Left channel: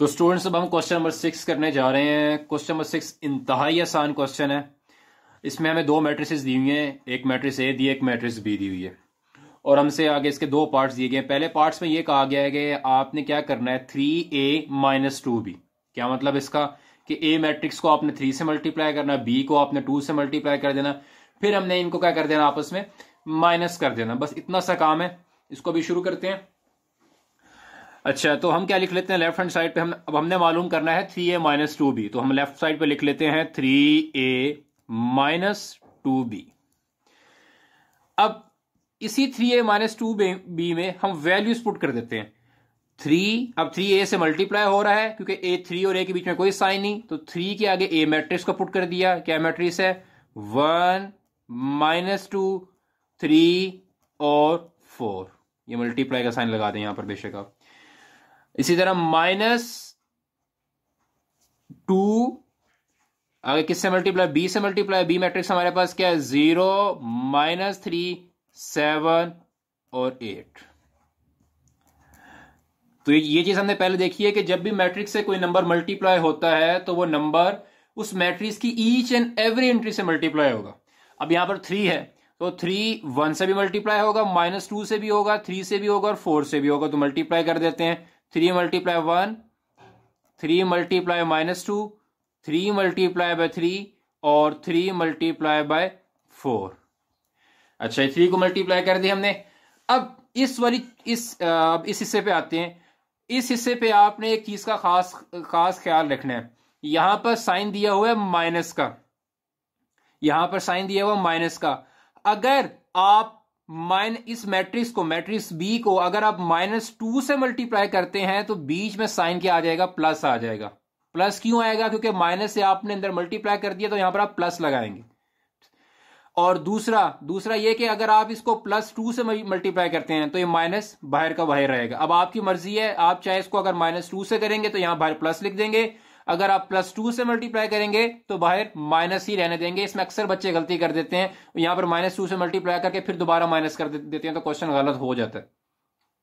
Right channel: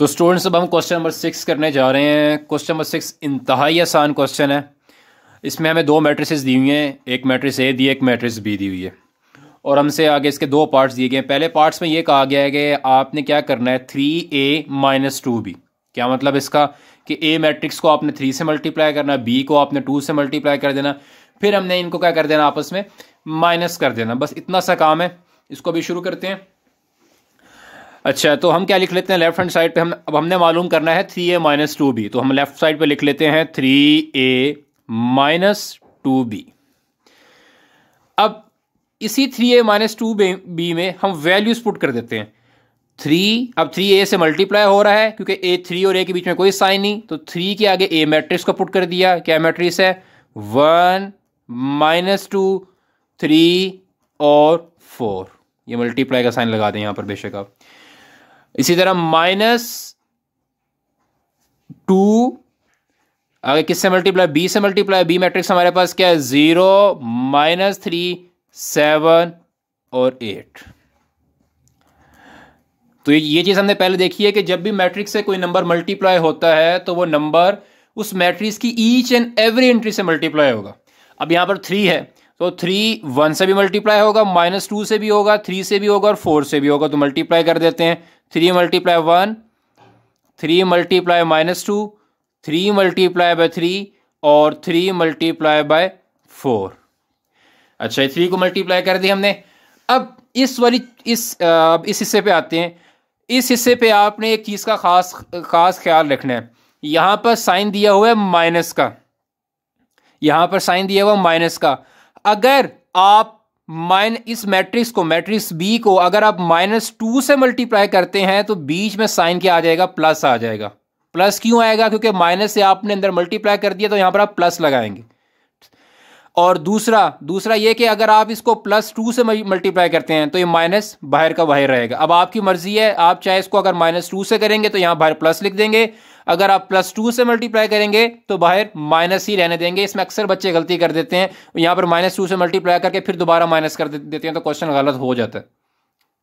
तो स्टूडेंट्स अब हम क्वेश्चन नंबर 6 करने जा रहे हैं। क्वेश्चन नंबर 6 इंतहाई आसान क्वेश्चन है। इसमें हमें दो मैट्रिसेस दी हुई हैं, एक मैट्रिस ए दी है, एक मैट्रिस बी दी हुई है, और हमसे आगे इसके दो पार्ट्स दिए गए हैं। पहले पार्ट्स में ये कहा गया है कि आपने क्या करना है, 3a-2b। क्या मतलब इसका कि ए मैट्रिक्स को आपने 3 से मल्टीप्लाई करना, बी को आपने 2 से मल्टीप्लाई कर देना, फिर हमने इनको क्या कर देना, आपस में माइनस कर देना। बस इतना सा काम है। इसको भी शुरू करते हैं। अच्छा, तो हम क्या लिख लेते हैं लेफ्ट हैंड साइड पे, अब हमने मालूम करना है 3a-2b। तो हम लेफ्ट साइड पे लिख लेते हैं 3a-2b। अब इसी 3a-2b में हम वैल्यूज पुट कर देते हैं। 3, अब 3a से मल्टीप्लाई हो रहा है क्योंकि a 3 और a के बीच में कोई साइन नहीं, तो 3 के आगे a मैट्रिक्स को पुट कर दिया। क्या मैट्रिक्स है? 1 -2 3 और 4। ये मल्टीप्लाई का साइन लगा दें यहां पर बेशक आप। इसी तरह -2 आगे किससे मल्टीप्लाई? बी से मल्टीप्लाई। बी मैट्रिक्स हमारे पास क्या है? 0 -3 7 और 8। तो ये चीज हमने पहले देखी है कि जब भी मैट्रिक्स से कोई नंबर मल्टीप्लाई होता है तो वो नंबर उस मैट्रिक्स की ईच एंड एवरी एंट्री से मल्टीप्लाई होगा। अब यहां पर 3 है तो 3 1 से भी मल्टीप्लाई होगा, -2 से भी होगा, 3 से भी होगा और 4 से भी होगा। तो मल्टीप्लाई कर देते हैं। 3 × 1 3 × -2 3 × 3 और 3 × 4। अच्छा, 3 को मल्टीप्लाई कर दिया हमने। अब इस हिस्से पे आते हैं। इस हिस्से पे आपने एक चीज का खास ख्याल रखना है। यहां पर साइन दिया हुआ है माइनस का, यहां पर साइन दिया हुआ माइनस का। अगर आप इस मैट्रिक्स बी को अगर आप -2 से मल्टीप्लाई करते हैं तो बीच में साइन क्या आ जाएगा? प्लस आ जाएगा। प्लस क्यों आएगा? क्योंकि माइनस से आपने अंदर मल्टीप्लाई कर दिया तो यहां पर आप प्लस लगाएंगे। और दूसरा ये कि अगर आप इसको +2 से मल्टीप्लाई करते हैं तो ये माइनस बाहर का बाहर रहेगा। अब आपकी मर्जी है, आप चाहे इसको अगर -2 से करेंगे तो यहां बाहर प्लस लिख देंगे, अगर आप +2 से मल्टीप्लाई करेंगे तो बाहर माइनस ही रहने देंगे। इसमें अक्सर बच्चे गलती कर देते हैं, यहां पर -2 से मल्टीप्लाई करके फिर दोबारा माइनस कर देते हैं, तो क्वेश्चन गलत हो जाता है।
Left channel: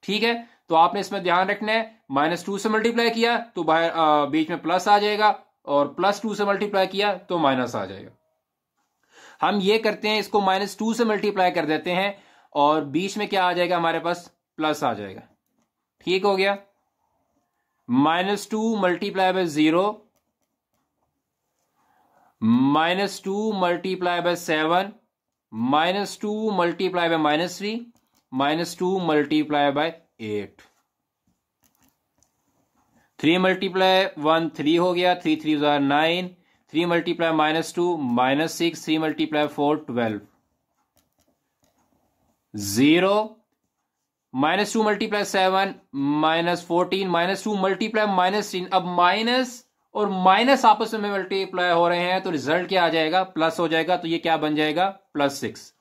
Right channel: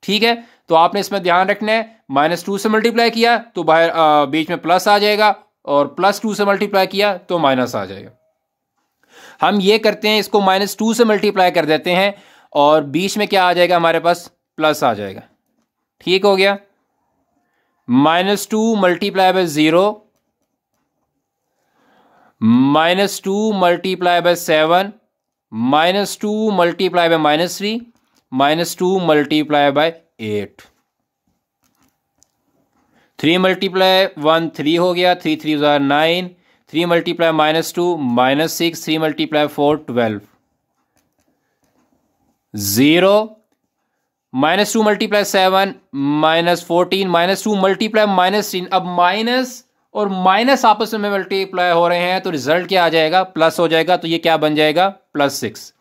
ठीक है, तो आपने इसमें ध्यान रखना है। -2 से मल्टीप्लाई किया तो बाहर बीच में प्लस आ जाएगा, और +2 से मल्टीप्लाई किया तो माइनस आ जाएगा। हम ये करते हैं, इसको -2 से मल्टीप्लाई कर देते हैं और बीच में क्या आ जाएगा हमारे पास? प्लस आ जाएगा। ठीक हो गया। -2 × 0 -2 × 7 -2 × -3 -2 × 8। 3 × 1 3 हो गया, 3 3 9, 3 × -2 -6, 3 × 4 12। 0 -2 × 7 -14 -2 × -3। अब माइनस और माइनस आपस में मल्टीप्लाई हो रहे हैं तो रिजल्ट क्या आ जाएगा? प्लस हो जाएगा। तो ये क्या बन जाएगा? +6।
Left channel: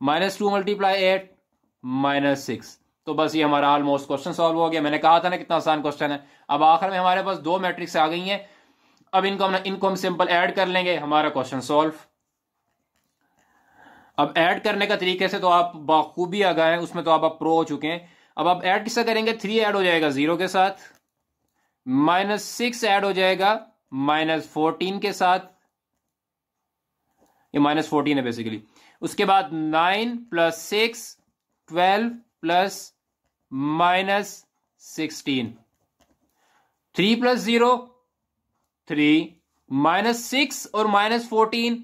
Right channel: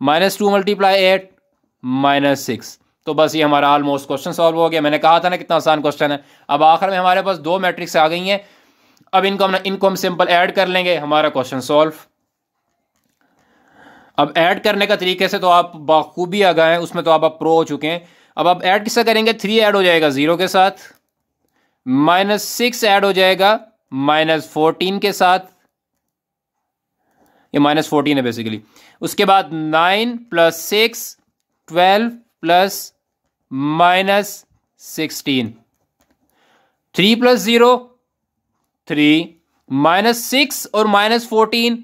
-2 × 8 -6। तो बस ये हमारा ऑलमोस्ट क्वेश्चन सॉल्व हो गया। मैंने कहा था ना कितना आसान क्वेश्चन है। अब आखिर में हमारे पास दो मैट्रिक्स आ गई हैं। अब इनको हम सिंपल ऐड कर लेंगे, हमारा क्वेश्चन सॉल्व। अब ऐड करने का तरीके से तो आप बाखूबी आ गए हैं, उसमें तो आप प्रो हो चुके हैं। अब आप ऐड किससे करेंगे? 3 ऐड हो जाएगा 0 के साथ, -6 ऐड हो जाएगा -14 के साथ, ये -14 है बेसिकली। उसके बाद 9 + 6 12 + -16, 3 + 0 3 -6 और -14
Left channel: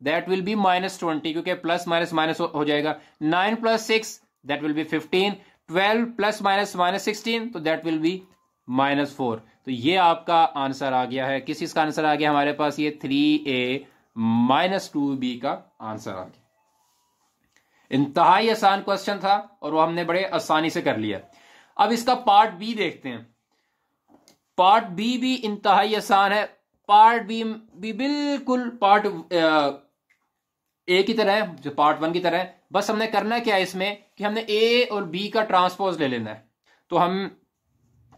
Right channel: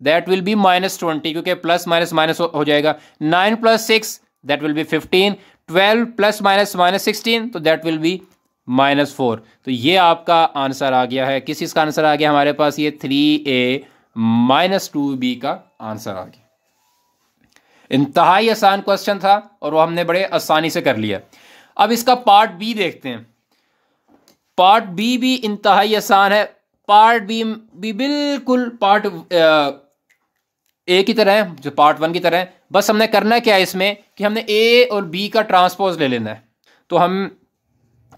दैट विल बी -20, क्योंकि प्लस माइनस माइनस हो जाएगा। 9 + 6 दैट विल बी 15, 12 ± -16 तो दैट विल बी -4। तो ये आपका आंसर आ गया है। किस इसका आंसर आ गया हमारे पास? ये 3a-2b का आंसर आ गया। इंतहाई आसान क्वेश्चन था और वो हमने बड़े आसानी से कर लिया। अब इसका पार्ट बी देखते हैं। पार्ट बी भी इंतहाई आसान है। पार्ट बी भी बिल्कुल पार्ट ए की तरह है, जो पार्ट 1 की तरह है। बस हमने करना क्या है इसमें कि हमने ए और बी का ट्रांसपोज ले लेना है। तो हम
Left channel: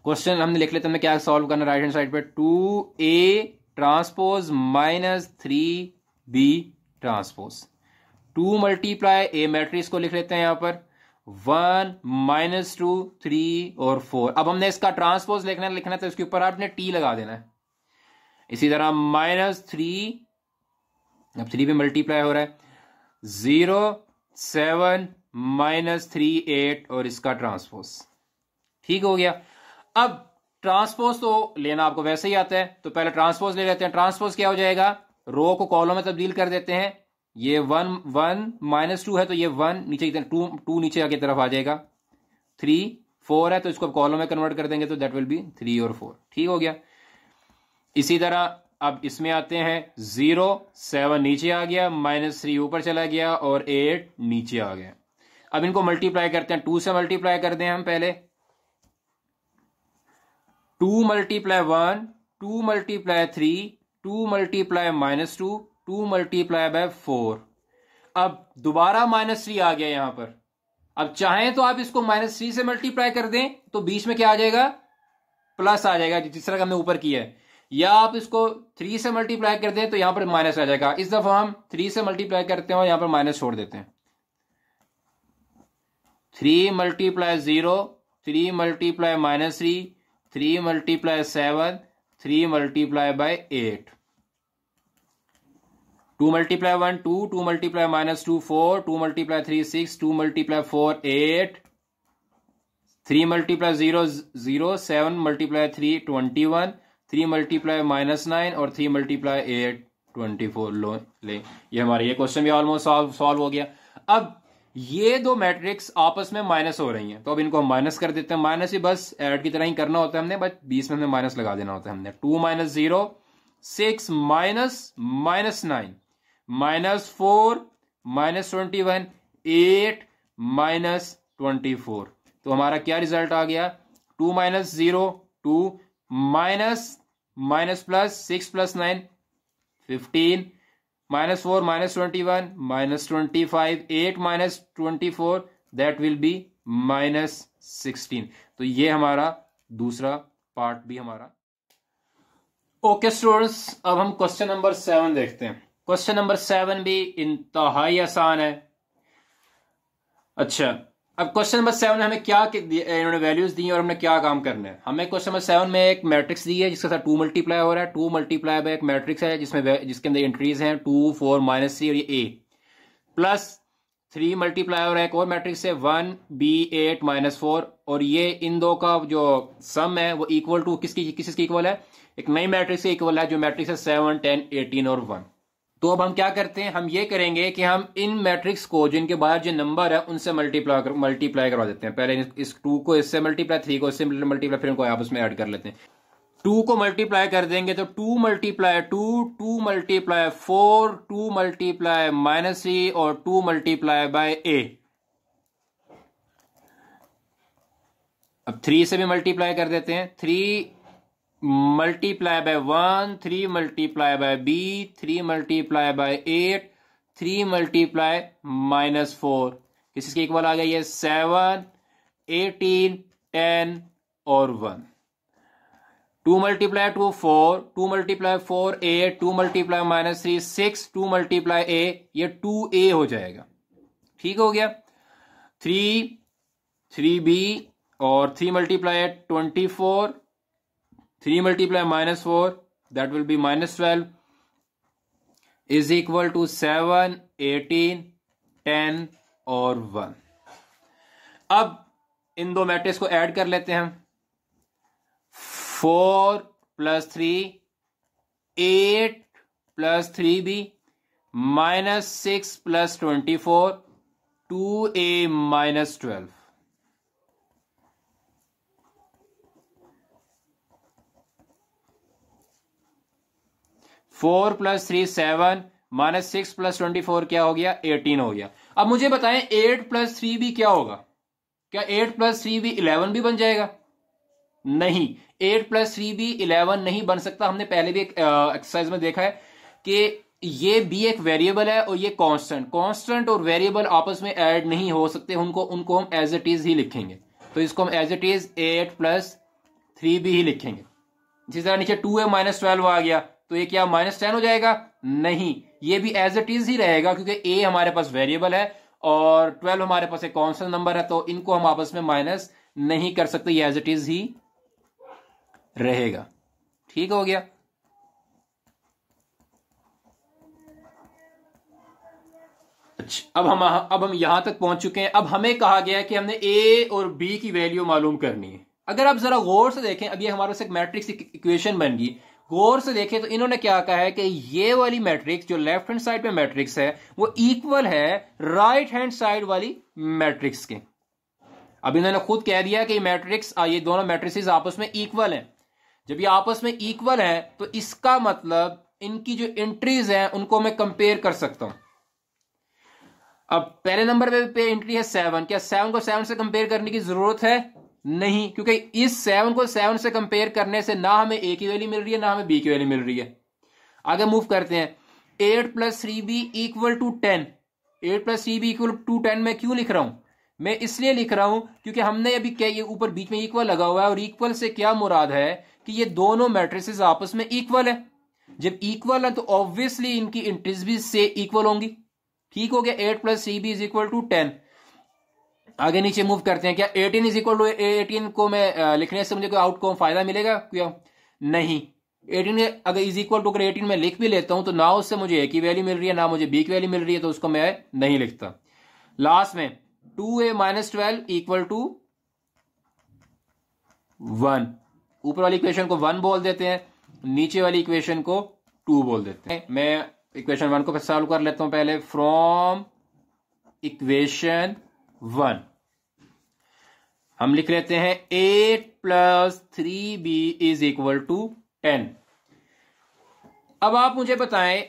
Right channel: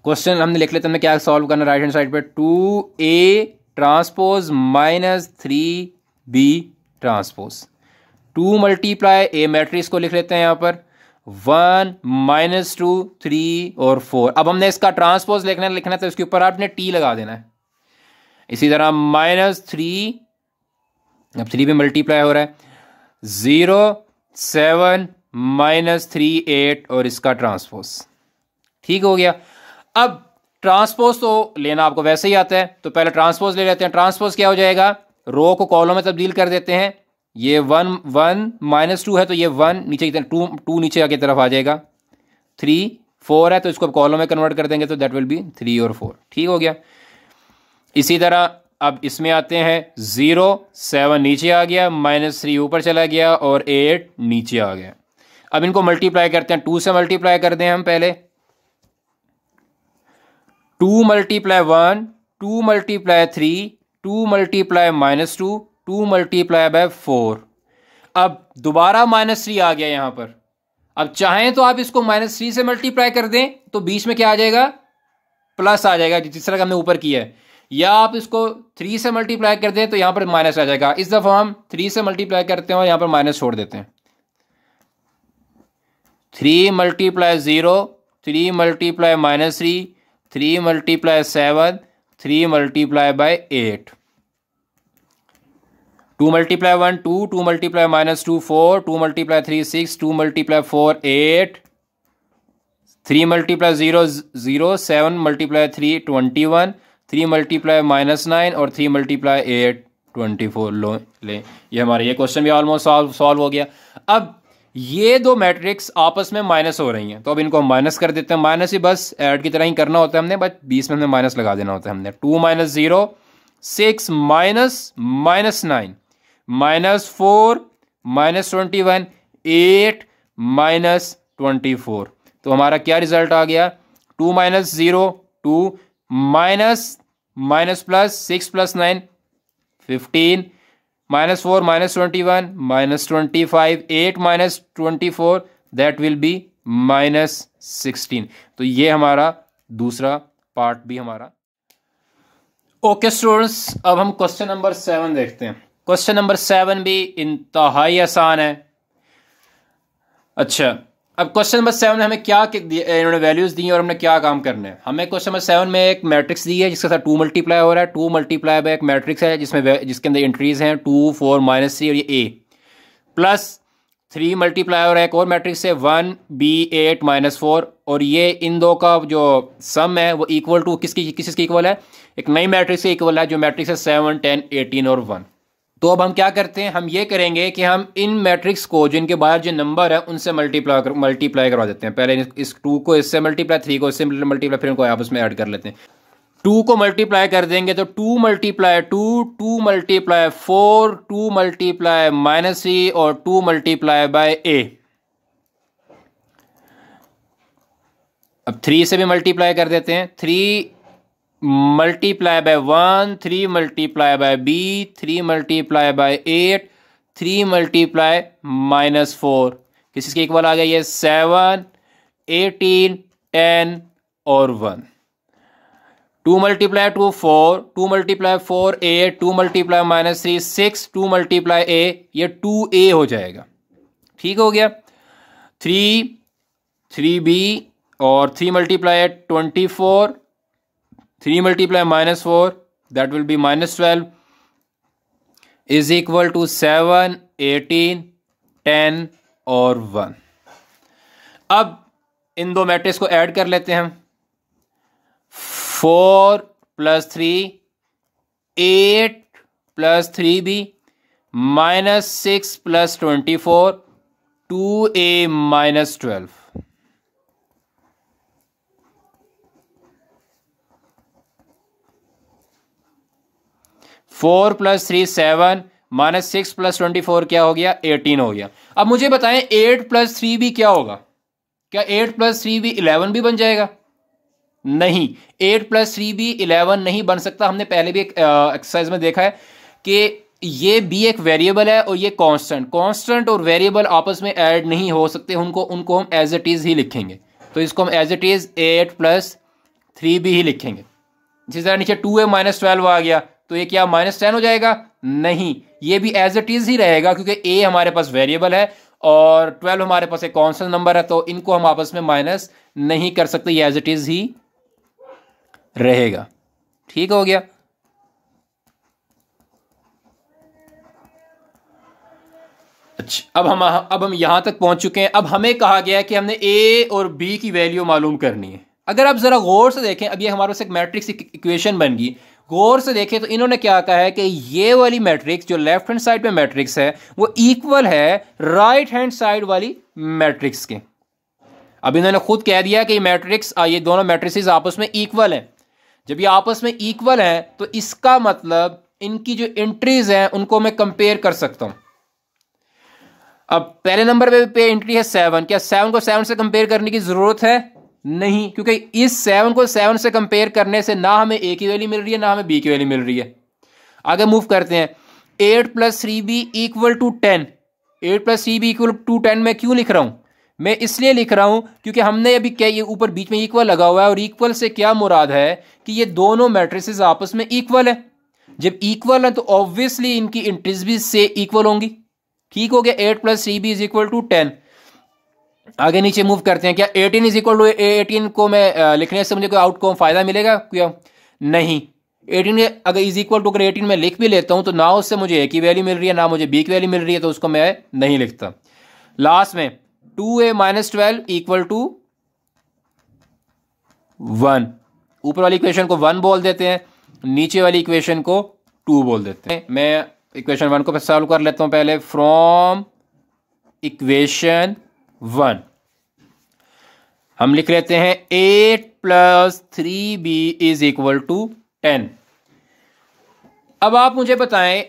क्वेश्चन हमने लिख लेते हैं, हमने क्या सॉल्व करना है राइट हैंड साइड पे, 2a transpose -3b transpose. 2 × a matrix को लिख लेते हैं यहाँ पर, 1 -2 3 और 4। अब हमने इसका ट्रांसपोज लिखना तो इसके ऊपर आपने टी लगा देना है। इसी तरह -3, अब 3 पे मल्टीप्लाई हो रहा है, 0 7 -3 8 और इसका ट्रांसपोज। ठीक हो गया। अब ट्रांसपोज तो लेना आपको वैसे ही आता है, तो पहले ट्रांसपोज ले लेते हैं। ट्रांसपोज क्या हो जाएगा, रो को कॉलम में तब्दील कर देते हैं। ये 1 -2 है तो ये 1 नीचे की तरफ, 2 नीचे आगे तरफ आ जाएगा। 3 4 है तो इसको कॉलम में कन्वर्ट कर देंगे तो दैट विल बी 3 और 4। ठीक हो गया। इसी तरह अब इसमें आते हैं, 0 7 नीचे आ गया, -3 ऊपर चला गया और 8 नीचे आ गया। अब इनको मल्टीप्लाई करते हैं, 2 से मल्टीप्लाई कर दें हम पहले। 2 × 1 2 × 3 2 × -2 2 × 4। अब दोबारा -3 आ गया यहां पर। अब चाहें तो आप इसको -3 से मल्टीप्लाई कर दें तो बीच में क्या आ जाएगा, प्लस आ जाएगा, जिस तरह हमने ऊपर किया है। या आप इसको 3 से मल्टीप्लाई कर दें तो यहां पर माइनस आ जाएगा। इस दफा हम 3 से मल्टीप्लाई करते हैं और यहां पर माइनस छोड़ देते हैं। 3 × 0 3 × -3 3 × 7 3 × 8। 2 × 1 2 2 × -2 4 2 × 3 6 2 × 4 8 3 × 0 0 7 × 3 21 3 × -9 और 3 × 8 24। लो ले, ये हमारा ये क्वेश्चन भी ऑलमोस्ट सॉल्व हो गया। अब ये दो मैट्रिक्स आपस में माइनस हो रही हैं तो अब इनको हम माइनस कर देते हैं। माइनस ही बस ऐड की तरह ही करना होता है हमने, बस बीच में हमने माइनस लगा देना होता है हमने। 2 - 0 6 -9 -4 -21 8 -24। तो हमारा क्या रिजल्ट आ गया, 2 - 0 2 minus plus 6 + 9 15 -4 -21 -25 8 -24 that will be -16। तो ये हमारा दूसरा पार्ट भी हमारा। ओके स्टूडेंट्स, अब हम क्वेश्चन नंबर 7 देखते हैं। क्वेश्चन नंबर 7 भी इंतहाई आसान है। अच्छा, अब क्वेश्चन नंबर 7 में हमें क्या इन्होंने वैल्यूज दी हैं और हमने क्या काम करना है। हमें क्वेश्चन नंबर 7 में एक मैट्रिक्स दी है जिसके साथ 2 मल्टीप्लाई हो रहा है। 2 मल्टीप्लाई बाय एक मैट्रिक्स है जिसके अंदर एंट्रीज हैं 2 4 -3 और ये ए, प्लस 3 मल्टीप्लाई हो रहा है एक और मैट्रिक्स है 1 b 8 -4 और ये इन दो का जो सम है वो इक्वल टू किसकी इक्वल है, एक नई मैट्रिक्स के इक्वल है जो मैट्रिक्स है 7 10 18 और 1। तो अब हम क्या करते हैं, हम ये करेंगे कि हम इन मैट्रिक्स को जो इनके बाहर जो नंबर है उनसे मल्टीप्लाई करवा देते हैं। पहले इस 2 को इससे मल्टीप्लाई, 3 को इससे मल्टीप्लाई, फिर इनको आपस में ऐड कर लेते हैं। 2 को मल्टीप्लाई कर देंगे तो 2 × 2 2 × 4 2 × -3 और 2 × a। अब 3 से भी मल्टीप्लाई कर देते हैं। 3 multiply by 1 3 multiply by b 3 multiply by 8 3 multiply -4 किसके इक्वल आ गया, ये 7 18 10 और 1। 2 × 2 4 2 × 4 8 2 × -3 6 2 × a, ये 2a हो जाएगा। ठीक हो गया। 3b और 3 × 24 3 × -4 that will be -12 is equal to 7 18 10 और 1। अब इन दो मैट्रिक्स को ऐड कर लेते हैं हम। 4 + 3 8 + 3b -6 + 24 2a -12। 4 + 3 7 -6 + 24 क्या हो गया, 18 हो गया। अब मुझे बताएं 8 + 3b क्या होगा, क्या 8 + 3b 11 भी बन जाएगा? नहीं, 8 + 3b 11 नहीं बन सकता। हमने पहले भी एक एक्सरसाइज में देखा है कि ये b एक वेरिएबल है और ये कांस्टेंट और वेरिएबल आपस में ऐड नहीं हो सकते, उनको हम एज इट इज ही लिखेंगे। तो इसको हम एज इट इज 8 + 3b ही लिखेंगे। जिस तरह नीचे 2a -12 आ गया तो ये क्या -10 हो जाएगा? नहीं, ये भी एज इट इज ही रहेगा क्योंकि a हमारे पास वेरिएबल है और 12 हमारे पास एक कॉन्स्टेंट नंबर है, तो इनको हम आपस में माइनस नहीं कर सकते, ये एज इट इज ही रहेगा। ठीक हो गया। अच्छा, अब हम यहां तक पहुंच चुके हैं। अब हमें कहा गया है कि हमने ए और बी की वैल्यू मालूम करनी है। अगर आप जरा गौर से देखें, अब ये हमारे पास एक मैट्रिक्स इक्वेशन बन गई। गौर से देखें तो इन्होंने क्या कहा है कि ये वाली मैट्रिक्स जो लेफ्ट हैंड साइड पे मैट्रिक्स है वो इक्वल है राइट हैंड साइड वाली मैट्रिक्स के। अब इन्होंने खुद कह दिया कि ये दोनों मैट्रिक्स आपस में इक्वल हैं। जब ये आपस में इक्वल हैं तो इसका मतलब इनकी जो एंट्रीज हैं उनको मैं कंपेयर कर सकता हूं। अब पहले नंबर पे एंट्री है 7। क्या 7 को 7 से कंपेयर करने की जरूरत है? नहीं, क्योंकि इस 7 को 7 से कंपेयर करने से ना हमें ए की वैल्यू मिल रही है ना हमें बी की वैल्यू मिल रही है। आगे मूव करते हैं। 8 + 3b = 10। 8 + 3b = 10 मैं क्यों लिख रहा हूं? मैं इसलिए लिख रहा हूं क्योंकि हमने अभी क्या, ये ऊपर बीच में इक्वल लगा हुआ है, और इक्वल से क्या मुराद है कि ये दोनों मैट्रिसेस आपस में इक्वल है। जब इक्वल है तो ऑब्वियसली इनकी एंट्रीज भी से इक्वल होंगी। ठीक हो गया। 8 + 3b = 10। आगे नीचे मूव करते हैं। क्या 18 = 18 को मैं लिखने से मुझे कोई आउटकम फायदा मिलेगा क्या? नहीं। 18 अगर अगर 18 में लिख भी लेता हूं तो ना उससे मुझे ए की वैल्यू मिल रही है ना मुझे बी की वैल्यू मिल रही है, तो उसको मैं नहीं लिखता। लास्ट में 2a - 12 = 1। ऊपर वाली इक्वेशन को 1 बोल देते हैं, नीचे वाली इक्वेशन को 2 बोल देते हैं। मैं इक्वेशन 1 को सॉल्व कर लेता हूं पहले। फ्रॉम इक्वेशन 1 हम लिख लेते हैं 8 + 3b = 10। अब आप मुझे बताएं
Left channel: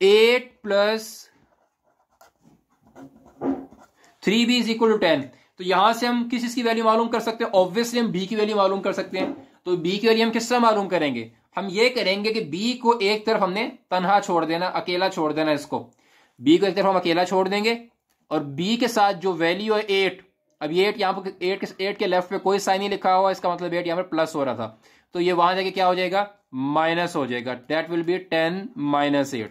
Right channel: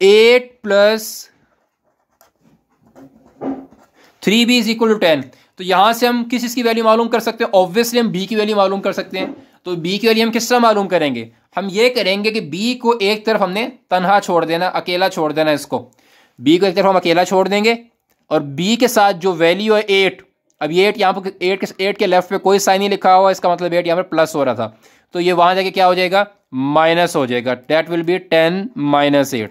8 + 3b = 10, तो यहां से हम किस की वैल्यू मालूम कर सकते हैं? ऑब्वियसली हम b की वैल्यू मालूम कर सकते हैं। तो b की वैल्यू हम किस तरह मालूम करेंगे? हम ये करेंगे कि b को एक तरफ हमने तनहा छोड़ देना, अकेला छोड़ देना। इसको b को एक तरफ हम अकेला छोड़ देंगे और b के साथ जो वैल्यू है 8, अब ये 8 यहाँ पर 8 के लेफ्ट पे कोई साइन नहीं लिखा हुआ, इसका मतलब 8 यहाँ पर प्लस हो रहा था, तो ये वहां जाके क्या हो जाएगा? माइनस हो जाएगा। That will be 10 - 8।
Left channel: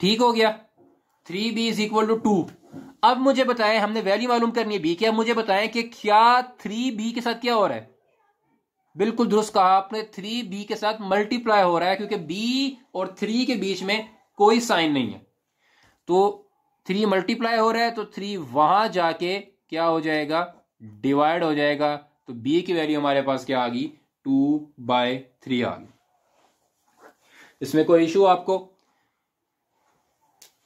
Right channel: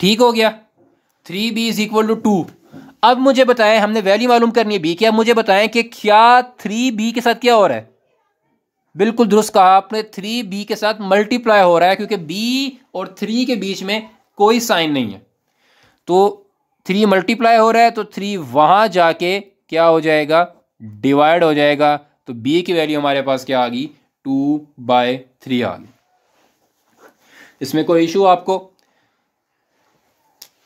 ठीक हो गया। 3b = 2। अब मुझे बताएं, हमने वैल्यू मालूम करनी है b की। अब मुझे बताएं कि क्या 3b के साथ क्या हो रहा है? बिल्कुल दुरुस्त कहा आपने, 3b के साथ मल्टीप्लाई हो रहा है, क्योंकि b और 3 के बीच में कोई साइन नहीं है। तो 3 मल्टीप्लाई हो रहा है तो 3 वहां जाके क्या हो जाएगा? डिवाइड हो जाएगा। तो b की वैल्यू हमारे पास क्या आ गई? 2/3 आ गई। इसमें कोई इशू आपको?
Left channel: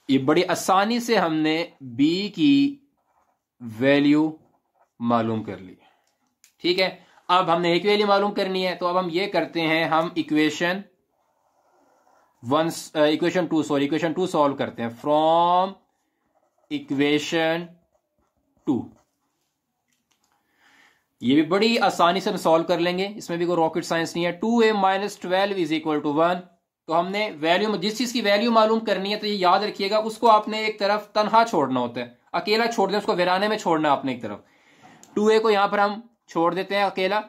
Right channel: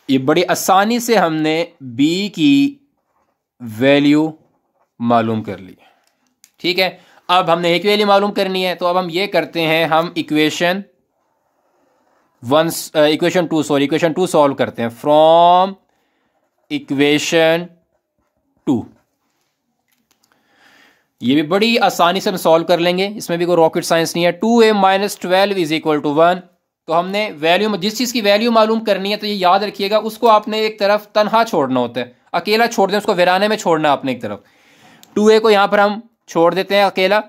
ये बड़ी आसानी से हमने b की वैल्यू मालूम कर ली। ठीक है, अब हमने एक वैल्यू मालूम करनी है, तो अब हम ये करते हैं, हम इक्वेशन 2 सॉल्व करते हैं। फ्रॉम इक्वेशन 2 ये भी बड़ी आसानी से हम सॉल्व कर लेंगे, इसमें भी कोई रॉकेट साइंस नहीं है। 2a - 12 = 1। तो हमने वैल्यू, जिस चीज़ की वैल्यू मालूम करनी है, तो ये याद रखिएगा, उसको आपने एक तरफ तनहा छोड़ना होता है, अकेला छोड़ दें, उसको वीराने में छोड़ना है आपने एक तरफ। 2a को यहाँ पर हम छोड़ देते हैं अकेला।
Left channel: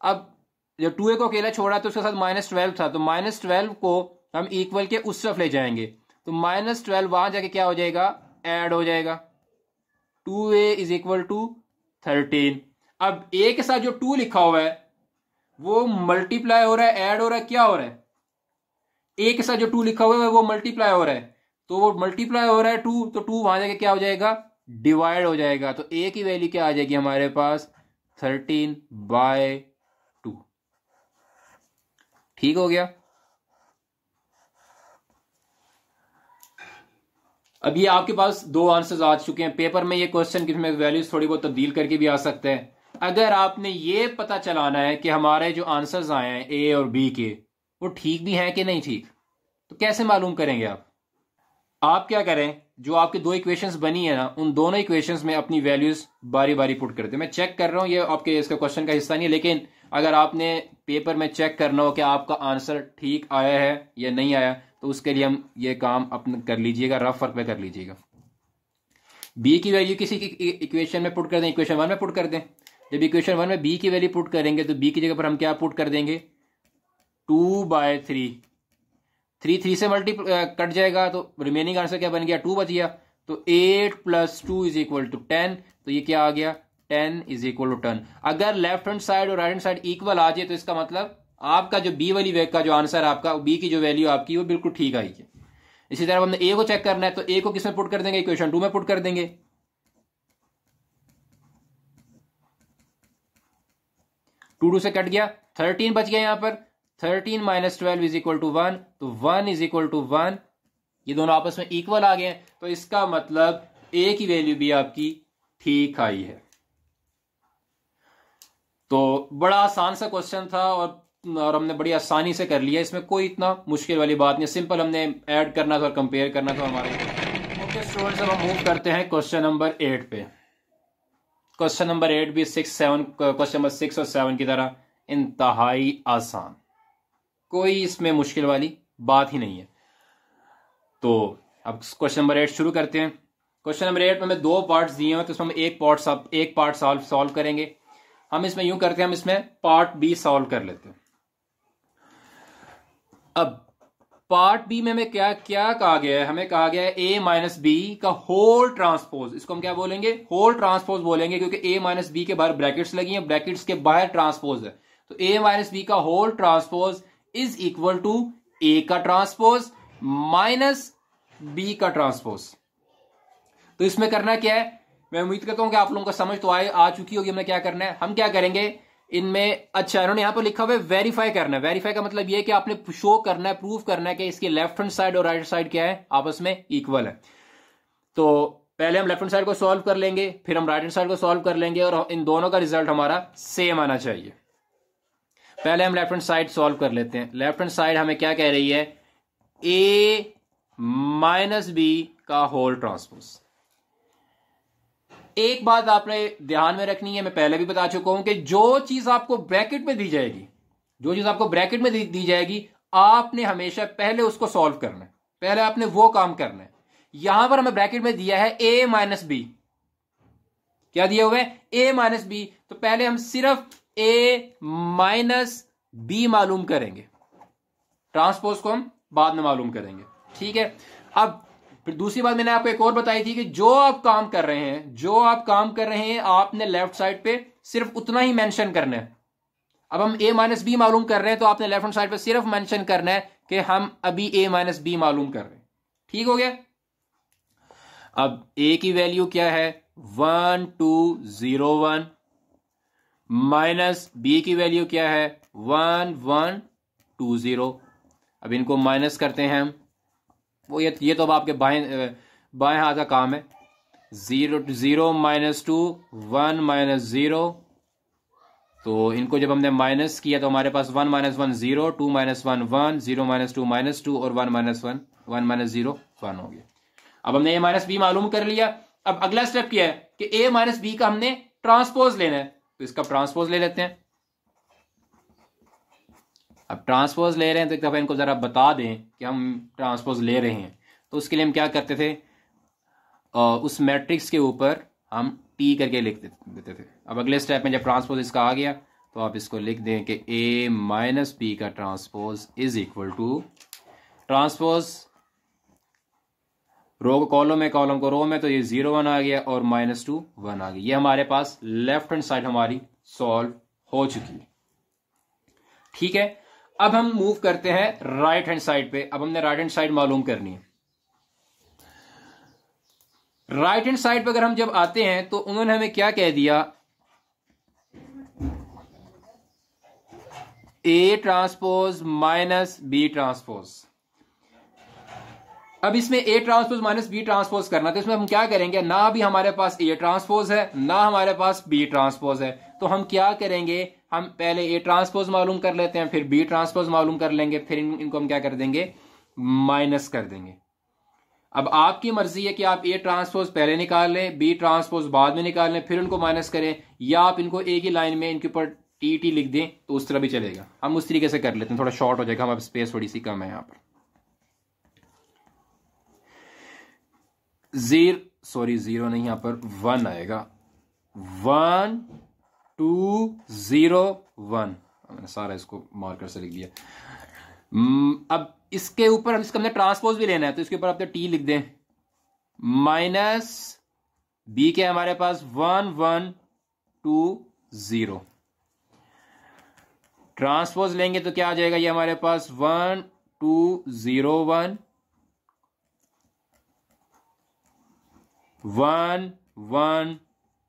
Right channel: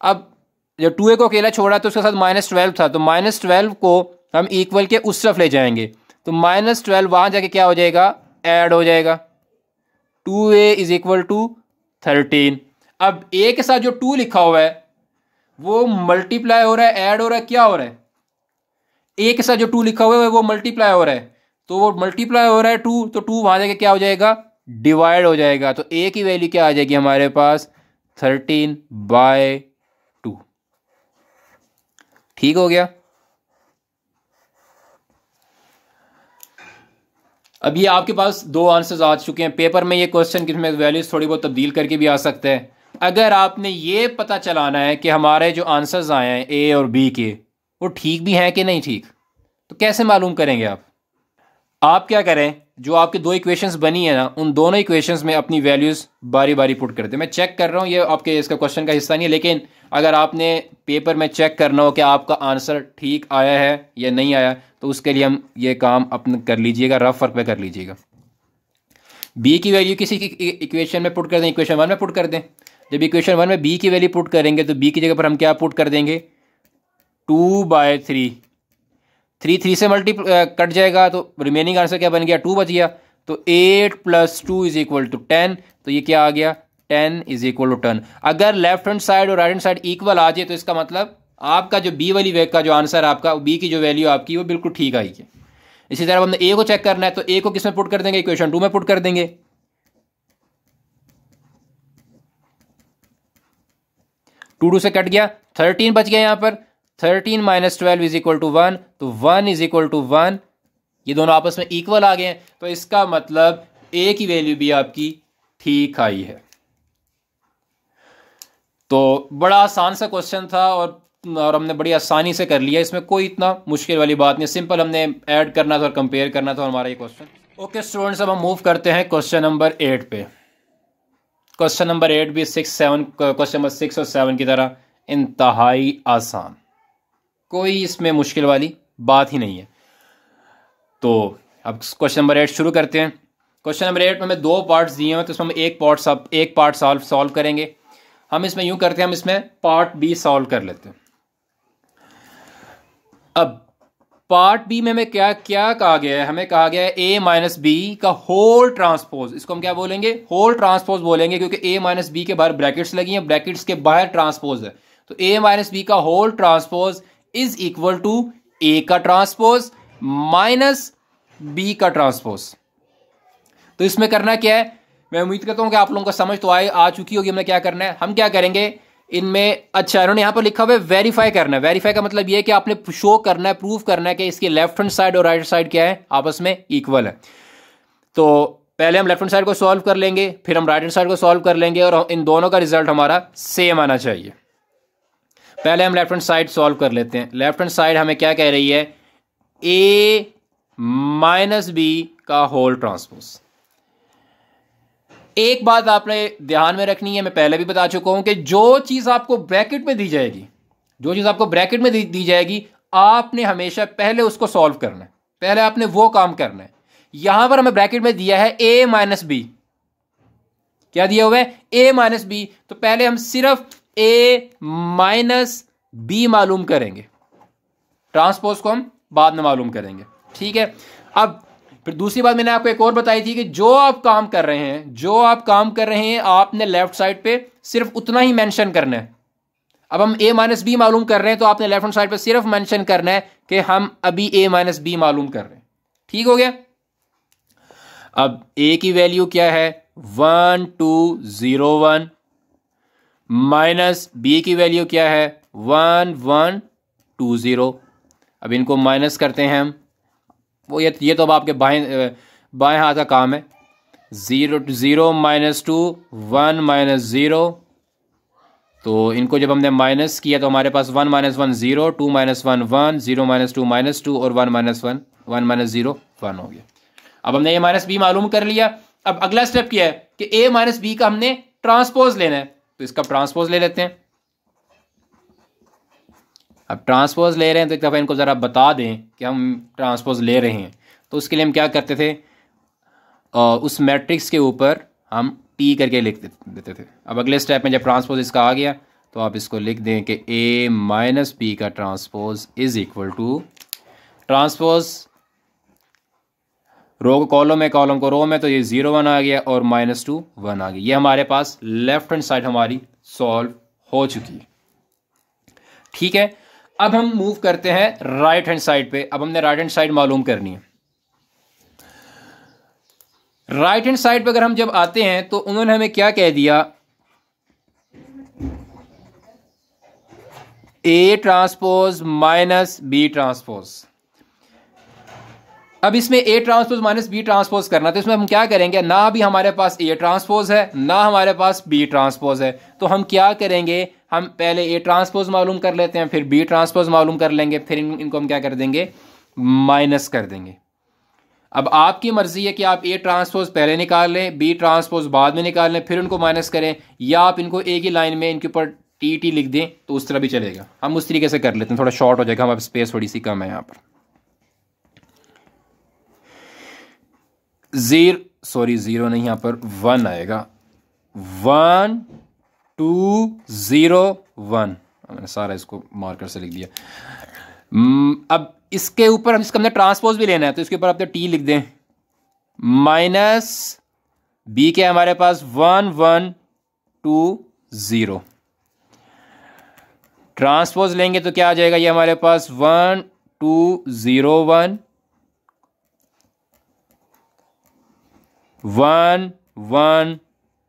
अब जब 2a को अकेला छोड़ा तो उसके साथ -12 था, तो -12 को हम इक्वल के उस तरफ ले जाएंगे, तो -12 वहाँ जाके क्या हो जाएगा? ऐड हो जाएगा। 2a = 13। अब a के साथ जो 2 लिखा हुआ है वो मल्टीप्लाई हो रहा है, ऐड हो रहा है, क्या हो रहा है? a के साथ जो 2 लिखा हुआ है वो मल्टीप्लाई हो रहा है, तो वो मल्टीप्लाई हो रहा है 2, तो 2 वहां जाके क्या हो जाएगा? डिवाइड हो जाएगा। तो a की वैल्यू क्या आ जाएगी हमारे पास? 13/2। ठीक हो गया। अब ये आपके पास 2 आंसर्स आ चुके हैं। पेपर में ये क्वेश्चन किसमें वैल्यूज थोड़ी बहुत तब्दील करके भी आ सकते हैं। अगर आपने ये पता चलाना है कि हमारे जो आंसर्स आए हैं ए और बी के, वो ठीक भी हैं कि नहीं ठीक, तो कैसे मालूम करेंगे आप क्या करें, जो आपकी 2 इक्वेशंस बनी है ना, उन दोनों इक्वेशंस में अपनी वैल्यूज बारी बारी पुट कर दें। मैं चेक कर रहा हूँ, ये आपके इसका क्वेश्चन का हिस्सा नहीं है, लेकिन अगर आपने पेपर में चेक करना हो कि आपका आंसर ठीक आया है या नहीं आया, तो उसके लिए हम ये काम अपने कर लीजिएगा, रफ वर्क पे कर लीजिएगा। बी की वैल्यू किसी की इक्वेशन में पुट कर दें, इक्वेशन 1 में पुट कर दें। जब इक्वेशन 1 में बी की वैल्यू पुट करेंगे तो बी की जगह पर हम क्या पुट कर देंगे? 2/3। 3 3 से कट जाएगा तो रिमेनिंग आंसर क्या बन गया, 2 बच गया। तो 8 + 2 = 10, तो ये क्या आ गया, 10 = 10। अगर लेफ्ट हैंड साइड और राइट हैंड साइड इक्वल आ जाए तो इसका मतलब आपका जो बी वाली वेग का जो आंसर आपका, बी की जो वैल्यू आपकी वो बिल्कुल ठीक आई है। इसी तरह हमने ए को चेक करना है, तो ए को किस में पुट कर देंगे, इक्वेशन 2 में पुट कर देंगे। 2 से कट गया, 13 बच गया यहाँ पर। 13 - 12 = 1, तो 1 = 1, ये दोनों आपस में इक्वल आ गए हैं, तो इसका मतलब ए की वैल्यू भी आपकी ठीक आई है। तो बड़ा आसान सा क्वेश्चन था और हमने बड़ी आसानी से कर लिया, इसमें कोई इतना मुश्किल वाली बात नहीं, सिंपल हमने ऐड करना था और कंपेयर करना था हमारा ये क्वेश्चन। ओके स्टूडेंट्स, अब हम मूव करते हैं क्वेश्चन नंबर 8 पे। क्वेश्चन नंबर 8 भी 6 क्वेश्चन नंबर 6 और 7 की तरह इंतहाई आसान, कोई इसमें मुश्किल वाली बात ही नहीं है। तो अब क्वेश्चन नंबर 8 शुरू करते हैं। क्वेश्चन नंबर 8 में हमें 2 पार्ट्स दिए हैं, तो इसमें हम एक पार्ट सॉल्व करेंगे। हम इसमें यूं करते हैं, हम इसमें पार्ट बी सॉल्व कर लेते हैं। अब पार्ट बी में हमें क्या क्या कहा गया है, हमें कहा गया है a - b का होल ट्रांसपोज, इसको हम क्या बोलेंगे, होल ट्रांसपोज बोलेंगे, क्योंकि a - b के बाहर ब्रैकेट्स लगी हैं, ब्रैकेट्स के बाहर ट्रांसपोज है, तो a - b का whole transpose is equal to a का ट्रांसपोज माइनस b का ट्रांसपोज। तो इसमें करना क्या है, मैं उम्मीद करता हूं कि आप लोगों को समझ तो आ चुकी होगी हमें क्या करना है। हम क्या करेंगे इनमें, अच्छा इन्होंने यहां पर लिखा हुआ है वेरीफाई करना है। वेरीफाई का मतलब ये है कि आपने शो करना है, प्रूव करना है कि इसके लेफ्ट हैंड साइड और राइट साइड क्या है, आपस में इक्वल है। तो पहले हम लेफ्ट हैंड साइड को सॉल्व कर लेंगे, फिर हम राइट हैंड साइड को सॉल्व कर लेंगे, और इन दोनों का रिजल्ट हमारा सेम आना चाहिए। पहले हम लेफ्ट हैंड साइड सॉल्व कर लेते हैं। लेफ्ट हैंड साइड हमें क्या कह रही है, a - b का होल ट्रांसपोज। एक बात आपने ध्यान में रखनी है, मैं पहले भी बता चुका हूं कि जो चीज आपको ब्रैकेट में दी जाएगी, जो चीज आपको ब्रैकेट में दी जाएगी, आपने हमेशा पहले उसको सॉल्व करना है, पहले आपने वो काम करना है। यहां पर हमें ब्रैकेट में दिया है a - b, क्या दिया हुआ है, a - b, तो पहले हम सिर्फ a - b मालूम करेंगे, ट्रांसपोज को हम बाद में मालूम करेंगे, ठीक है। अब फिर दूसरी बात मैंने आपको एक और बताई थी कि जो आप काम कर रहे हैं आपने लेफ्ट साइड पे सिर्फ उतना ही मेंशन करना है। अब हम a - b मालूम कर रहे हैं, तो आपने लेफ्ट हैंड साइड पे सिर्फ मेंशन करना है कि हम अभी a - b मालूम कर रहे हैं, ठीक हो गया। अब a की वैल्यू क्या है, 1 2 0 1, माइनस b की वैल्यू क्या है, 1 1 2 0। अब इनको माइनस करते हैं हम, वो ये तो अब आपके बाएं हाथ का काम है। 0 0 - 2 1 - 0, तो इनको जब हमने माइनस किया तो हमारे पास 1 - 1 0, 2 - 1 1, 0 - 2 -2, और 1 - 1 0 1 हो गया। अब हमने a - b मालूम कर लिया। अब अगला स्टेप क्या है कि a - b का हमने ट्रांसपोज लेना है, तो इसका ट्रांसपोज ले लेते हैं। अब ट्रांसपोज ले रहे हैं तो एक दफ़ा इनको ज़रा बता दें कि हम ट्रांसपोज ले रहे हैं। तो उसके लिए हम क्या करते थे, उस मैट्रिक्स के ऊपर हम टी करके लिख देते थे। अब अगले स्टेप में जब ट्रांसपोज इसका आ गया तो आप इसको लिख दें कि a - b का transpose is equal to, transpose row को कॉलम में, कॉलम को रो में, तो ये 0 1 आ गया और -2 1 आ गया। ये हमारे पास लेफ्ट हैंड साइड हमारी सॉल्व हो चुकी है, ठीक है। अब हम मूव करते हैं राइट हैंड साइड पे। अब हमने राइट हैंड साइड मालूम करनी है। राइट हैंड साइड पे अगर हम जब आते हैं तो उन्होंने हमें क्या कह दिया, a transpose minus b transpose. अब इसमें a transpose minus b transpose करना, तो इसमें हम क्या करेंगे, ना भी हमारे पास a ट्रांसपोज है ना हमारे पास b ट्रांसपोज है, तो हम क्या करेंगे, हम पहले a ट्रांसपोज मालूम कर लेते हैं, फिर b ट्रांसपोज मालूम कर लेंगे, फिर इनको हम क्या कर देंगे, माइनस कर देंगे। अब आपकी मर्जी है कि आप a ट्रांसपोज पहले निकाल लें, b ट्रांसपोज बाद में निकाल लें, फिर उनको माइनस करें, या आप इनको एक ही लाइन में इनके ऊपर टी लिख दें, तो उस तरह भी चलेगा। हम उस तरीके से कर लेते हैं, थोड़ा शॉर्ट हो जाएगा, हमारे स्पेस थोड़ी सी कम है यहाँ पर। 0 नहीं, यहाँ पर 1 आएगा, 1 2 0 1, मैंने सारा इसको मार्कर से लिख दिया। अब इसके ऊपर हम इसका हमने ट्रांसपोज भी लेना है, तो इसके ऊपर आप टी लिख दें, माइनस बी के हमारे पास 1 1 2 0। ट्रांसपोज लेंगे तो क्या आ जाएगा, ये हमारे पास 1 2 0 1 1 1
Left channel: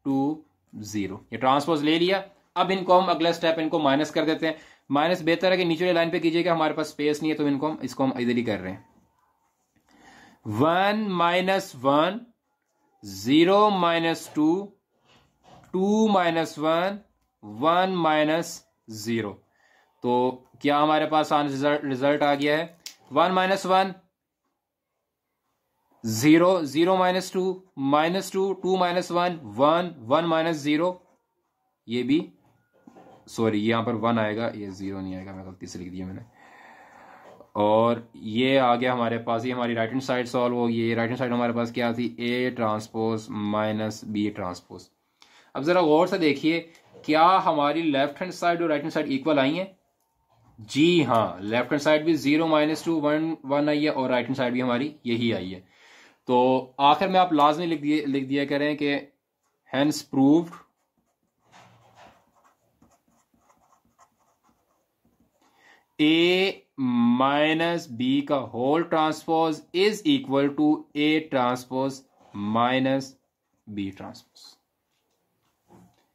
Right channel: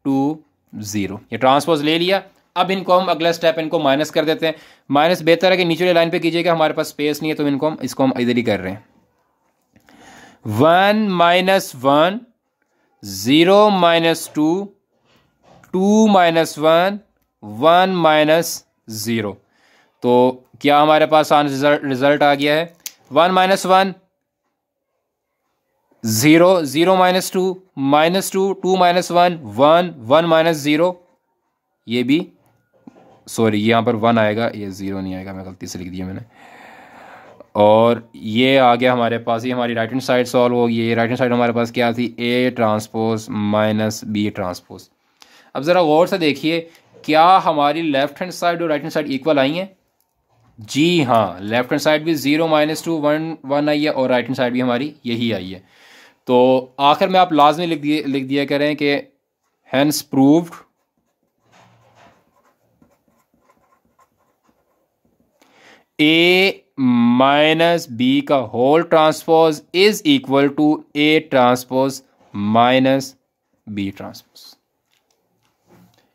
2 0। ये ट्रांसपोज ले लिया। अब इनको हम अगला स्टेप इनको माइनस कर देते हैं। माइनस बेहतर है कि नीचे लाइन पे कीजिएगा, हमारे पास स्पेस नहीं है, तो इसको हम इधर ही कर रहे हैं। 1 माइनस 1 0 माइनस 2 2 माइनस 1 1 माइनस 0। तो क्या हमारे पास रिजल्ट आ गया है, 1 माइनस 1 0 0 माइनस 2 2 माइनस 1 1 1 माइनस 0। ये भी सॉरी यहाँ पर 1 आएगा, ये 0 नहीं आएगा, मैं गलती से लिख दिया मैंने। और ये आ गया हमारे पास, ये हमारी राइट हैंड साइड सॉल्व होगी। ये राइट हैंड साइड हमारे पास क्या थी, a transpose minus B transpose. अब ज़रा गौर से देखिए, क्या हमारी लेफ्ट हैंड साइड और राइट हैंड साइड इक्वल आई हैं? जी हाँ, लेफ्ट हैंड साइड भी 0 माइनस 2 1 1 आई है, और राइट हैंड साइड भी हमारी यही आई है। तो आखिर में आप लाजमी लिख दिया करें कि hence proved a minus b का whole transpose is equal to a transpose minus B transpose.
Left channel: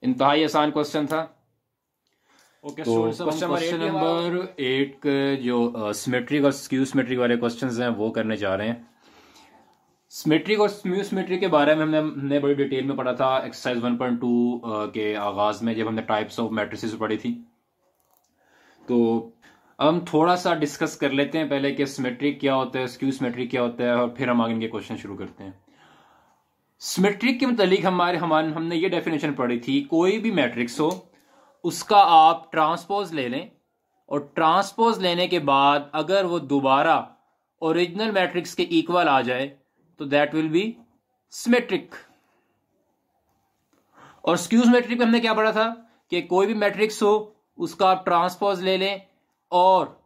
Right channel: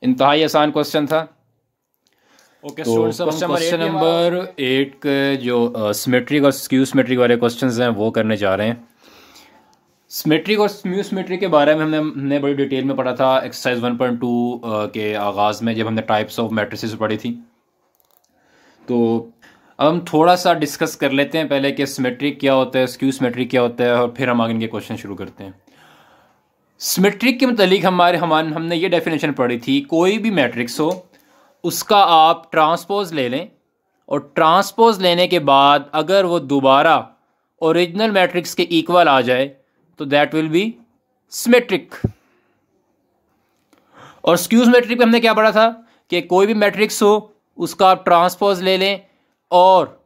इंतहाई आसान क्वेश्चन था। ओके, तो क्वेश्चन नंबर 8 के जो सिमेट्रिक और स्क्यू सिमेट्रिक वाले क्वेश्चंस हैं वो करने जा रहे हैं। सिमेट्रिक और स्क्यू सिमेट्रिक के बारे में हमने बड़ी डिटेल में पढ़ा था एक्सरसाइज 1.2 के आगाज़ में, जब हमने टाइप्स ऑफ मैट्रिसेस पढ़ी थी। तो अब हम थोड़ा सा डिस्कस कर लेते हैं पहले कि सिमेट्रिक क्या होता है, स्क्यू सिमेट्रिक क्या होता है, और फिर हम आगे इनके क्वेश्चन शुरू करते हैं। सिमेट्रिक के मतलब हमने ये डेफिनेशन पढ़ी थी, कोई भी मैट्रिक्स हो उसका आप ट्रांसपोज ले लें, और ट्रांसपोज लेने के बाद अगर वो दोबारा ओरिजिनल मैट्रिक्स के इक्वल आ जाए तो दैट विल बी सिमेट्रिक। और स्क्यू सिमेट्रिक में हमने क्या पढ़ा था कि कोई भी मैट्रिक्स हो उसका आप ट्रांसपोज ले लें, और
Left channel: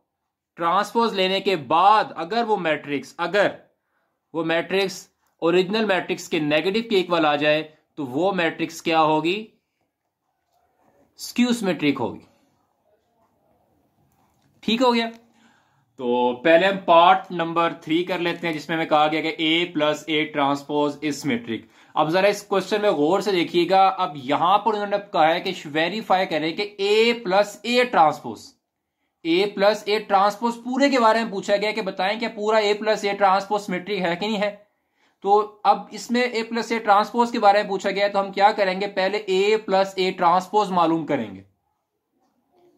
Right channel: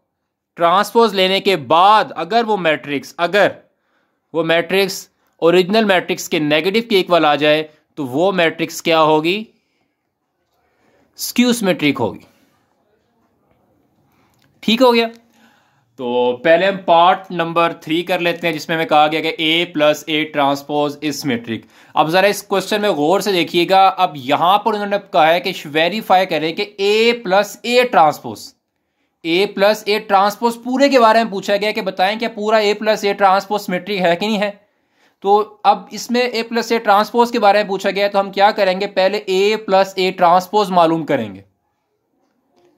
ट्रांसपोज लेने के बाद अगर वो मैट्रिक्स ओरिजिनल मैट्रिक्स के नेगेटिव के इक्वल आ जाए तो वो मैट्रिक्स क्या होगी, स्क्यू सिमेट्रिक होगी। ठीक हो गया। तो पहले हम पार्ट नंबर 3 कर लेते हैं, जिसमें हमें कहा गया कि a plus A transpose is symmetric. अब जरा इस क्वेश्चन में गौर से देखिएगा। अब यहां पर उन्होंने कहा है कि वेरीफाई करें कि a प्लस ए ट्रांसपोज पूरे के बारे में पूछा गया कि बताएं क्या पूरा a plus A transpose symmetric है कि नहीं है। तो अब इसमें a प्लस ए ट्रांसपोज के बारे में पूछा गया है, तो हम क्या करेंगे, पहले a प्लस ए ट्रांसपोज मालूम करेंगे,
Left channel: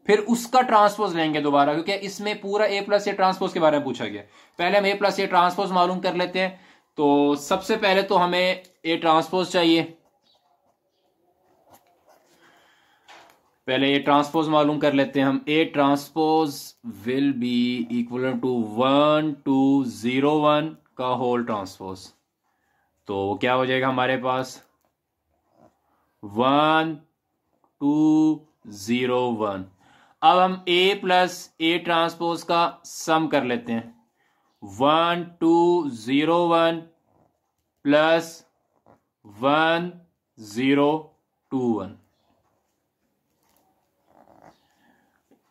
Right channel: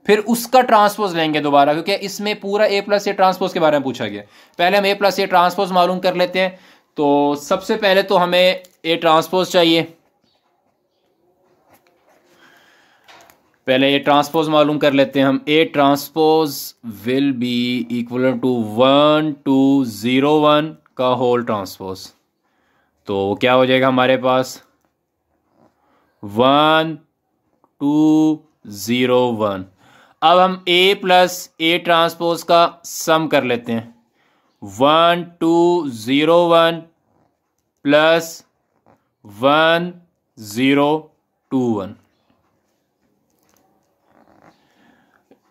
फिर उसका ट्रांसपोज लेंगे दोबारा, क्योंकि इसमें पूरा a प्लस ए ट्रांसपोज के बारे में पूछा गया। पहले हम a प्लस ए ट्रांसपोज मालूम कर लेते हैं। तो सबसे पहले तो हमें a ट्रांसपोज चाहिए। पहले a ट्रांसपोज मालूम कर लेते हैं हम। a transpose will be equal to 1 2 0 1 का होल ट्रांसपोज। तो क्या हो जाएगा हमारे पास, 1 2 0 1। अब हम a प्लस ए ट्रांसपोज का सम कर लेते हैं, 1 2 0 1 plus 1 0 2 1।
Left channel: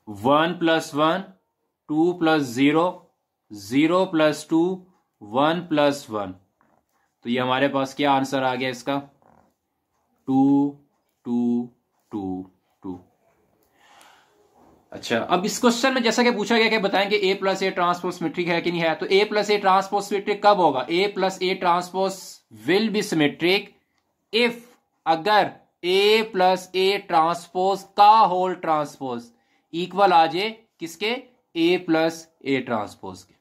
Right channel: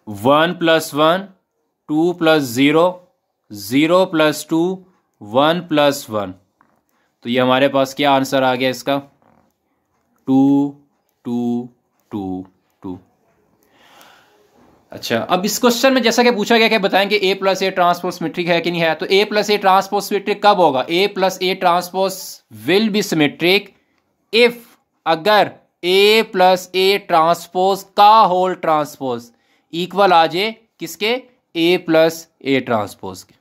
1 plus 1 2 plus 0 0 plus 2 1 plus 1। तो ये हमारे पास क्या आंसर आ गया इसका, 2 2 2 2। अच्छा, अब इस क्वेश्चन में जैसा कि पूछा गया कि बताएं कि a plus A transpose symmetric है कि नहीं है। तो a plus A transpose symmetric कब होगा, a plus A transpose will B symmetric if अगर a प्लस ए ट्रांसपोज का होल ट्रांसपोज इक्वल आ जाए किसके, a प्लस ए ट्रांसपोज के।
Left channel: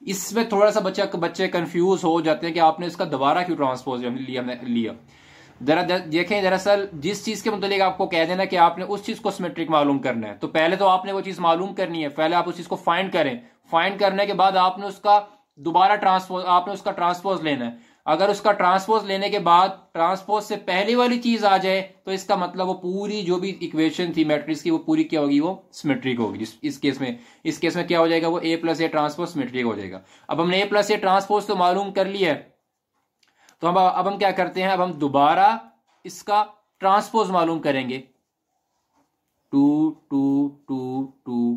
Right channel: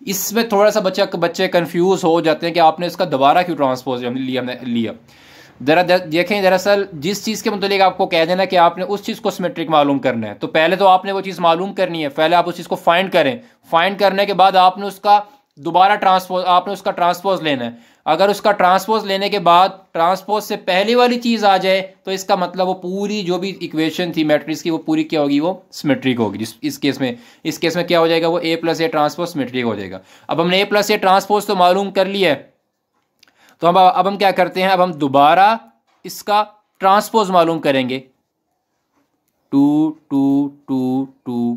इसमें थोड़ा सा बच्चे कंफ्यूज हो जाते हैं कि आपने इसका दोबारा क्यों ट्रांसपोज हमने लिया। देखें, दरअसल जिस चीज़ के मुतालिक आपको कह देना कि आपने उस चीज़ को सिमेट्रिक मालूम करना है, तो पहले तो आपने वो चीज़ मालूम करनी है, पहले आप उस चीज़ को फाइंड करें। फाइंड करने के बाद आपने उसका दोबारा ट्रांसपोज, आपने उसका ट्रांसपोज लेना है। अगर उसका ट्रांसपोज लेने के बाद ट्रांसपोज से पहली वाली चीज आ जाए तो इसका मतलब वो पूरी जो भी इक्वेशन थी मैट्रिक्स की वो पूरी क्या होगी, वो सिमेट्रिक होगी। इस केस में क्या हो जाएगा, वो ए प्लस ए ट्रांसपोज सिमेट्रिक हो जाएगा। अब हमने ए प्लस ए ट्रांसपोज तो मालूम कर लिया है, तो अब हम क्या करते हैं, अब हम दोबारा इसका ट्रांसपोज मालूम करेंगे। 2 2 2 2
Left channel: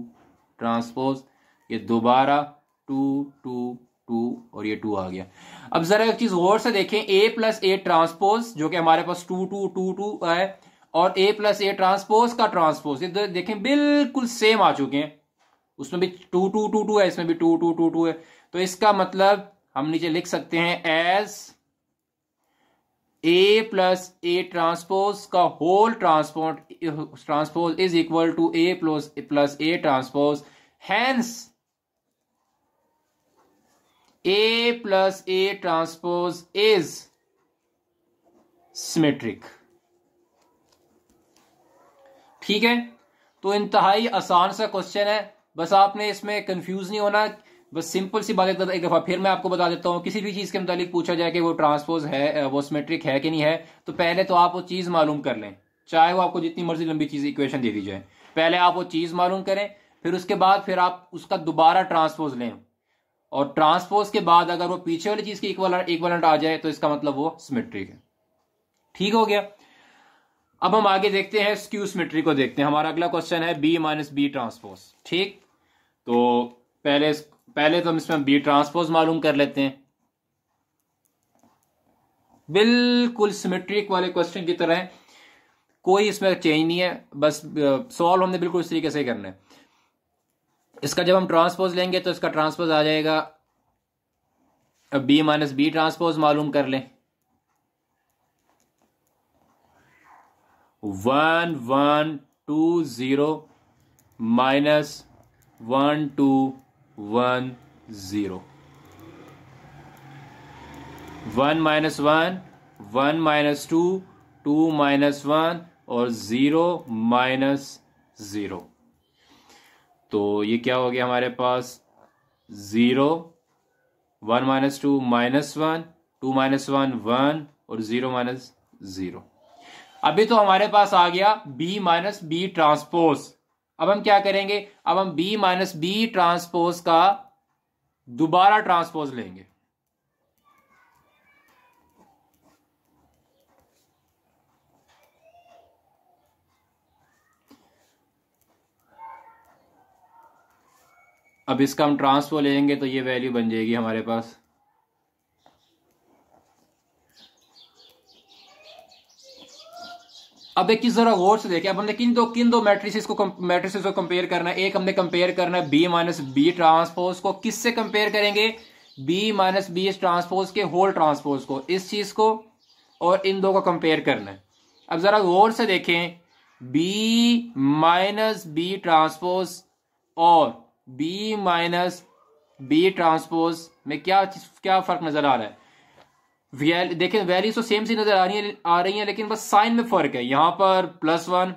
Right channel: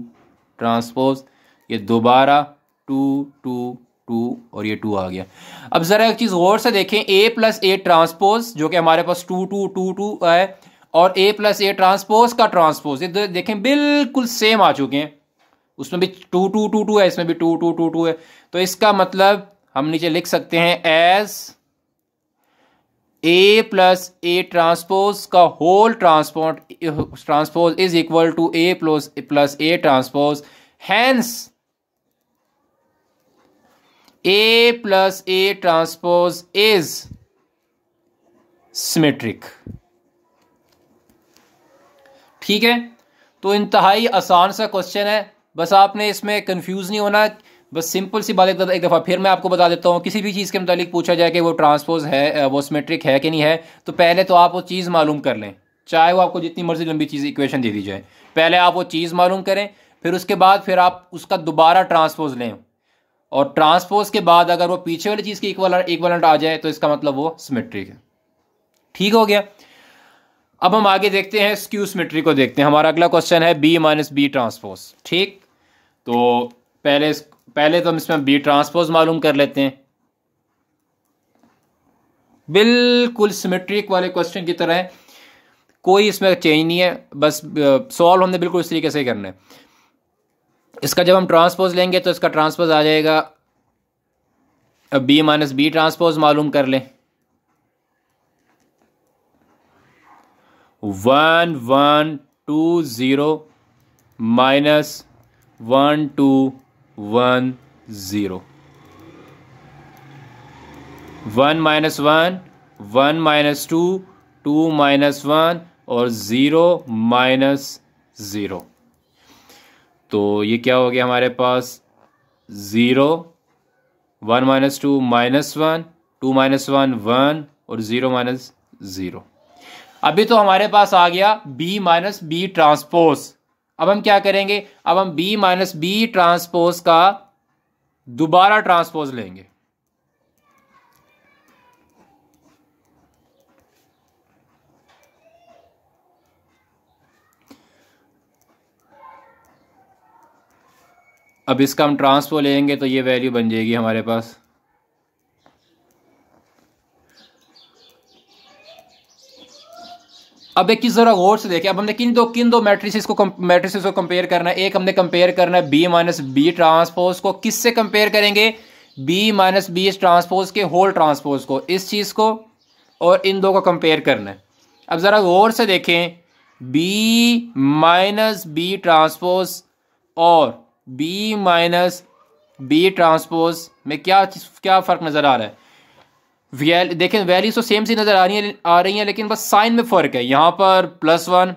ट्रांसपोज, ये दोबारा 2 2 2 और ये 2 आ गया। अब जरा एक चीज गौर से देखें, ए प्लस ए ट्रांसपोज जो कि हमारे पास 2 2 2 2 है, और ए प्लस ए ट्रांसपोज का ट्रांसपोज, ये देखें बिल्कुल सेम आ चुके हैं। उसमें भी 2 2 2 2 है, इसमें भी 2 2 2 2 है। तो इसका मतलब हम नीचे लिख सकते हैं as A plus A transpose का whole transpose is equal to A plus A transpose, hence A plus A transpose is symmetric. ठीक है, तो इंतहाई आसान सा क्वेश्चन है, बस आपने इसमें कंफ्यूज नहीं होना। बस सिंपल सी बात एक दफ़ा फिर मैं आपको बता देता हूँ, किसी भी चीज़ के मुतालिक पूछा जाए कि वो ट्रांसपोज है, वो सिमेट्रिक है कि नहीं है, तो पहले तो आप वो चीज़ मालूम कर लें, चाहे वो आपको जितनी मर्जी लंबी चीज़ इक्वेशन दे दी जाए। पहले आप वो चीज़ मालूम करें, फिर उसके बाद फिर आप उसका दोबारा ट्रांसपोज लें, और ट्रांसपोज के बाद अगर वो पीछे वाली चीज़ की इक्वलेंट आ जाए तो इसका मतलब वो सिमेट्रिक है। ठीक हो गया। अब हम आगे देखते हैं स्क्यू सिमेट्री को देखते हैं। हमारा अगला क्वेश्चन है बी माइनस बी ट्रांसपोज। ठीक, तो पहले तो हम इसमें बी ट्रांसपोज मालूम कर लेते हैं। बिल्कुल सिमेट्रिक वाले क्वेश्चन की तरह है, कोई इसमें चेंज नहीं है, बस सॉल्व हमने बिल्कुल इस तरीके से करना है। इसका जब हम ट्रांसपोज लेंगे तो इसका ट्रांसपोज आ जाएगा, बी माइनस बी ट्रांसपोज मालूम कर लें। 1 1 2 0 माइनस 1 2 1 0, 1 माइनस 1 1 माइनस 2 2 माइनस 1 और 0 माइनस 0। तो ये क्या हो गया हमारे पास, 0 1 माइनस 2 माइनस 1 2 माइनस 1 1 और 0 माइनस 0। अभी तो हमारे पास आ गया b माइनस बी ट्रांसपोज। अब हम क्या करेंगे, अब हम b माइनस बी ट्रांसपोज का दोबारा ट्रांसपोज लेंगे। अब इसका हम ट्रांसपोज लेंगे तो ये वैल्यू बन जाएगी हमारे पास, अब एक चीज जरा गौर से देखें। अब हमने किन दो मैट्रिसेस को कंपेयर करना है। एक हमने कंपेयर करना है बी माइनस बी ट्रांसपोज को, किससे कंपेयर करेंगे, बी माइनस बी ट्रांसपोज के होल ट्रांसपोज को, इस चीज को, और इन दो को कंपेयर करना है। अब जरा गौर से देखें, बी माइनस बी ट्रांसपोज और बी माइनस बी ट्रांसपोज में क्या फर्क नजर आ रहा है। देखें वैल्यूज तो सेम सी नजर आ रही हैं, लेकिन बस साइन में फर्क है। यहाँ पर +1,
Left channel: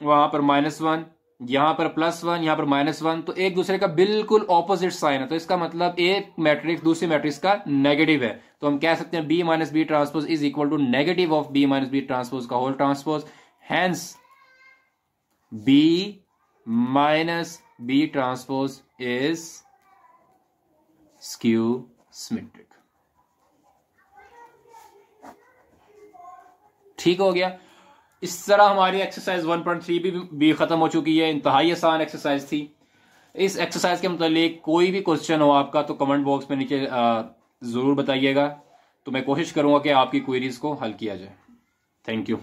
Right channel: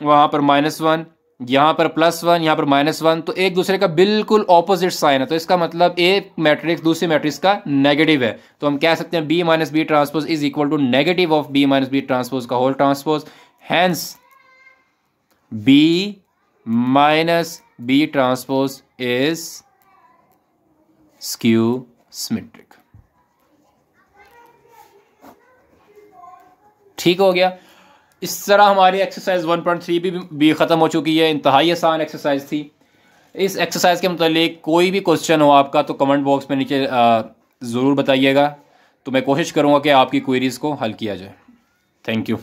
वहां पर -1, यहाँ पर +1, यहाँ पर -1, तो एक दूसरे का बिल्कुल ऑपोजिट साइन है। तो इसका मतलब एक मैट्रिक्स दूसरी मैट्रिक्स का नेगेटिव है। तो हम कह सकते हैं B minus B transpose is equal to negative of B minus B transpose का whole transpose, hence B minus B transpose is skew symmetric. ठीक हो गया। इस तरह हमारी एक्सरसाइज 1.3 भी ख़त्म हो चुकी है। इंतहाई आसान एक्सरसाइज थी। इस एक्सरसाइज के मुतालिक कोई भी क्वेश्चन हो आपका तो कमेंट बॉक्स में नीचे ज़रूर बताइएगा, तो मैं कोशिश करूँगा कि आपकी क्वेरीज़ को हल किया जाए। Thank you.